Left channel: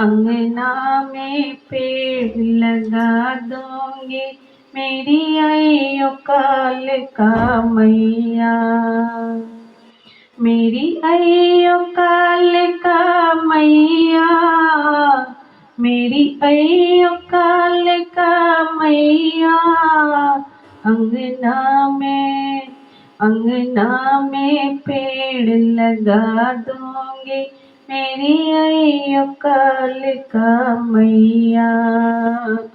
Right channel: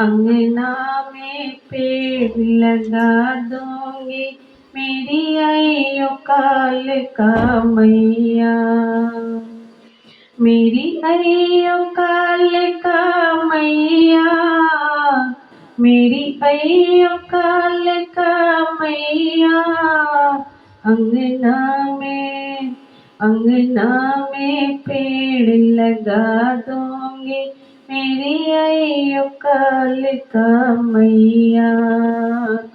अंगना में पेड़ लगा दूंगी, मेरी अयो काल का मैया। मेरी अयो काल का मैया, मेरी अयो काल का मैया। अंगना में पेड़ लगा दूंगी, मेरी अयो काल का मैया।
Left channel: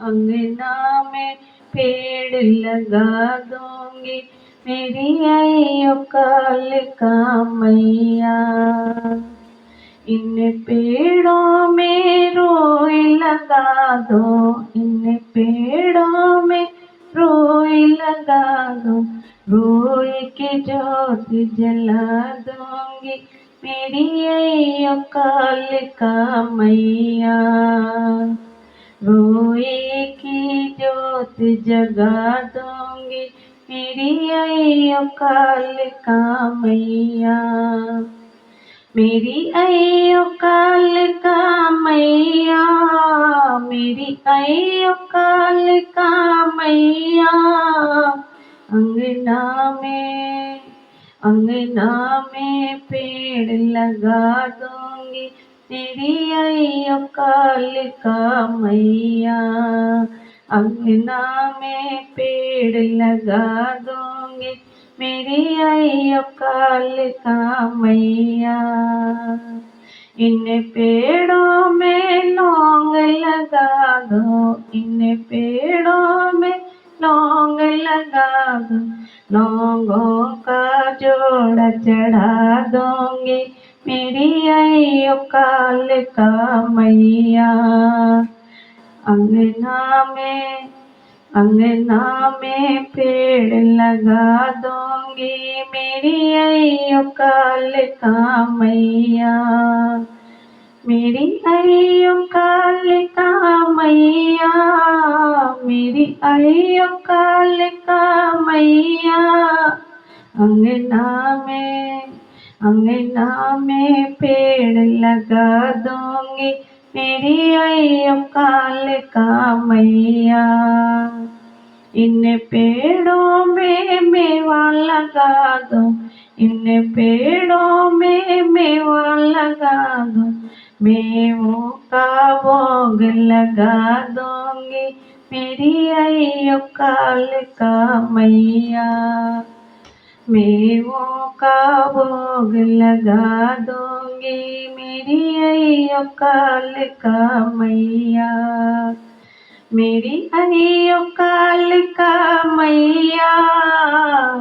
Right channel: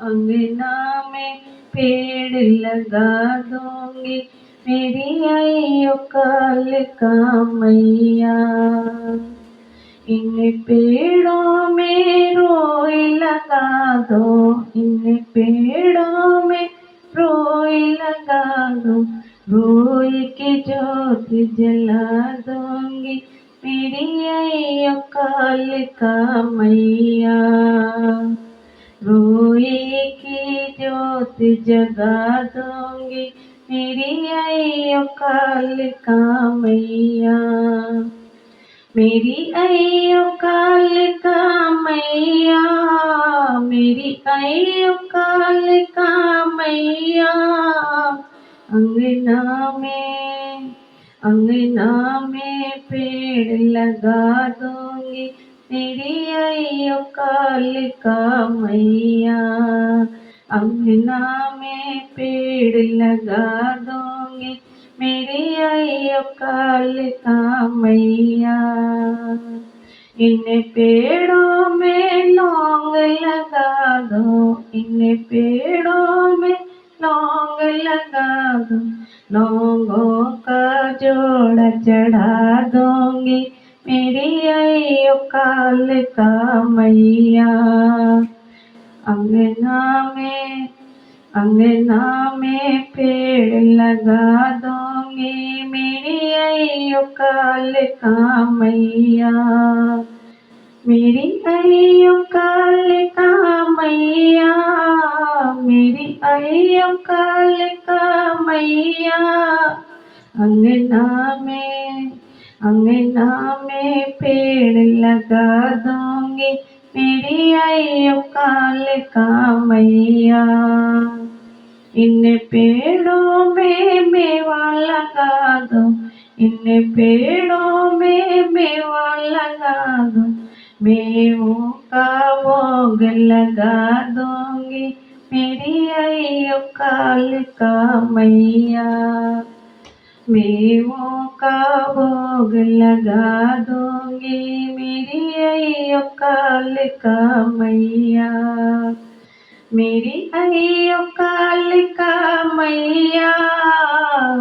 अंगना में पेड़ लगा दूंगी, मेरी अयो काल का मैया। इन पेड़ों में रोई लगा दो, इन पेड़ों में रोई लगा दो, रोई की जोत जला दूंगी, मेरी अयो काल का मैया। रोई की जोत जगा दूंगी, मेरी अयो काल का मैया। मेरी अयो काल का मैया, मेरी अयो काल का मैया। अंगना में पेड़ लगा दूंगी, मेरी अयो काल का मैया। अंगना में पेड़ लगा दूंगी, मेरी अयो काल का मैया। इन पेड़ों में लौंग लगा दो, इन पेड़ों में लौंग लगा दो, लौंगों का जोड़ा चढ़ा दूंगी, मेरी अयो काल का मैया। अंगना में पेड़ लगा दूंगी, मेरी अयो काल का मैया। मेरी अयो काल का मैया, मेरी अयो काल का मैया। अंगना में पेड़ लगा दूंगी, मेरी अयो काल का मैया। इन पेड़ों में मेवा लगा दो, इन पेड़ों में मेवा लगा दो, मेवों का भोग लगा दूंगी, मेरी अयो काल का मैया। मेवों का भोग लगा दूंगी, मेरी अयो काल का मैया। मेरी अयो काल का मैया,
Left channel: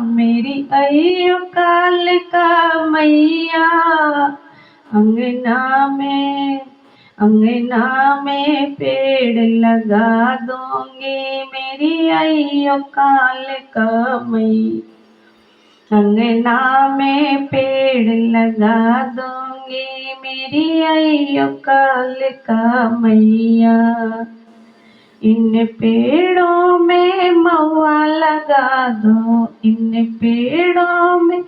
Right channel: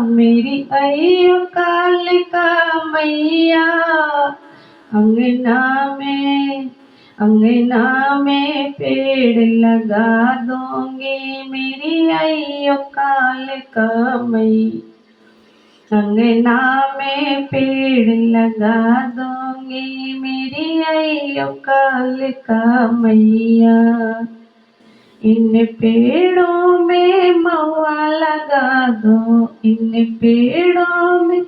मेरी अयो काल का मैया। अंगना में पेड़ लगा दूंगी, मेरी अयो काल का मैया। अंगना में पेड़ लगा दूंगी, मेरी अयो काल का मैया। इन पेड़ों में महुआ लगा दो, इन पेड़ों में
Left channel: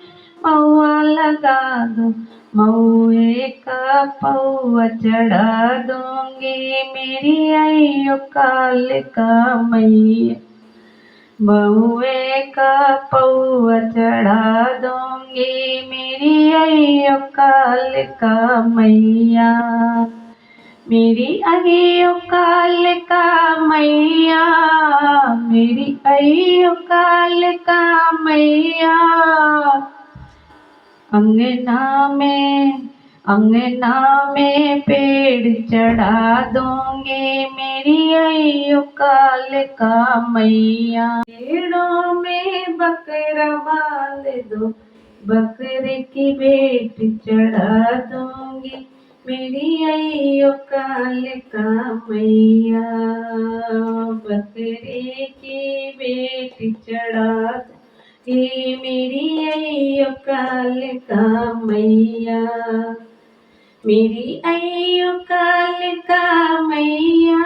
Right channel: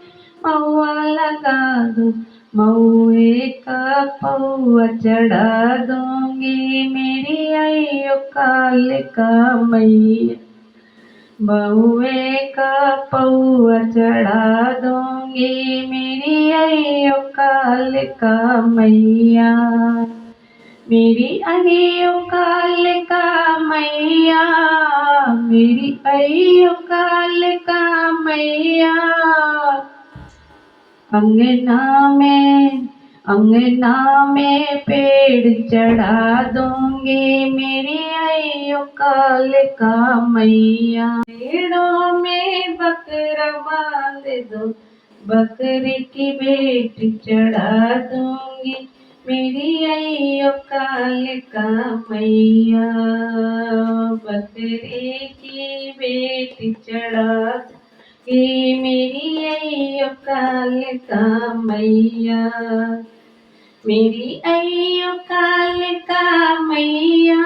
महुआ लगा दो, महुए का पौआ चढ़ा दूंगी, मेरी अयो काल का मैया। महुए का पौआ चढ़ा दूंगी, मेरी अयो काल का मैया। मेरी अयो काल का मैया, मेरी अयो काल का मैया। अंगना में पेड़ चढ़ा दूंगी, मेरी अयो काल का मैया। पेड़ों में बकरा बांध दो, बकरे की भेंट चढ़ा दूंगी, मेरी अयो काल का मैया। बकरे की भेंट चढ़ा दूंगी, मेरी अयो काल का मैया। मेरी अयो काल का मैया,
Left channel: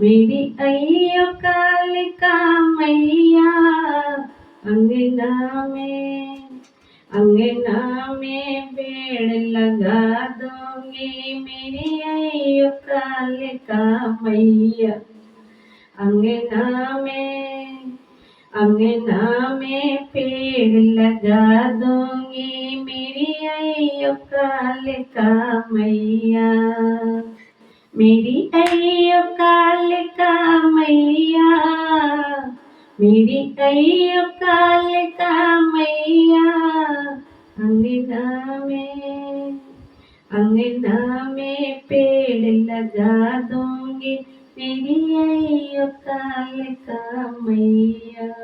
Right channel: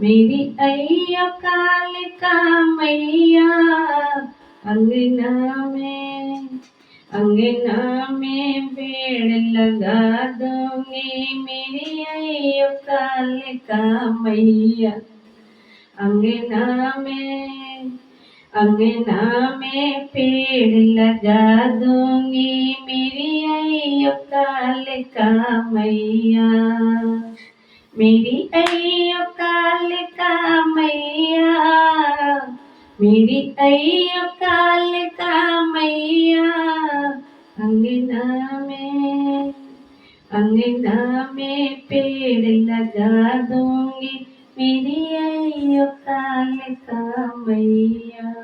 मेरी अयो काल का मैया। अंगना में पेड़ लगा दूंगी, मेरी अयो कालिका मैया। अंगना में पेड़ लगा दूंगी मेरी अयो कालिका मैया। मेरी अयो कालिका मैया, मेरी अयो कालिका मैया। अंगना में अंगना में पेड़ लगा दूंगी मेरी अयो कालिका मैया।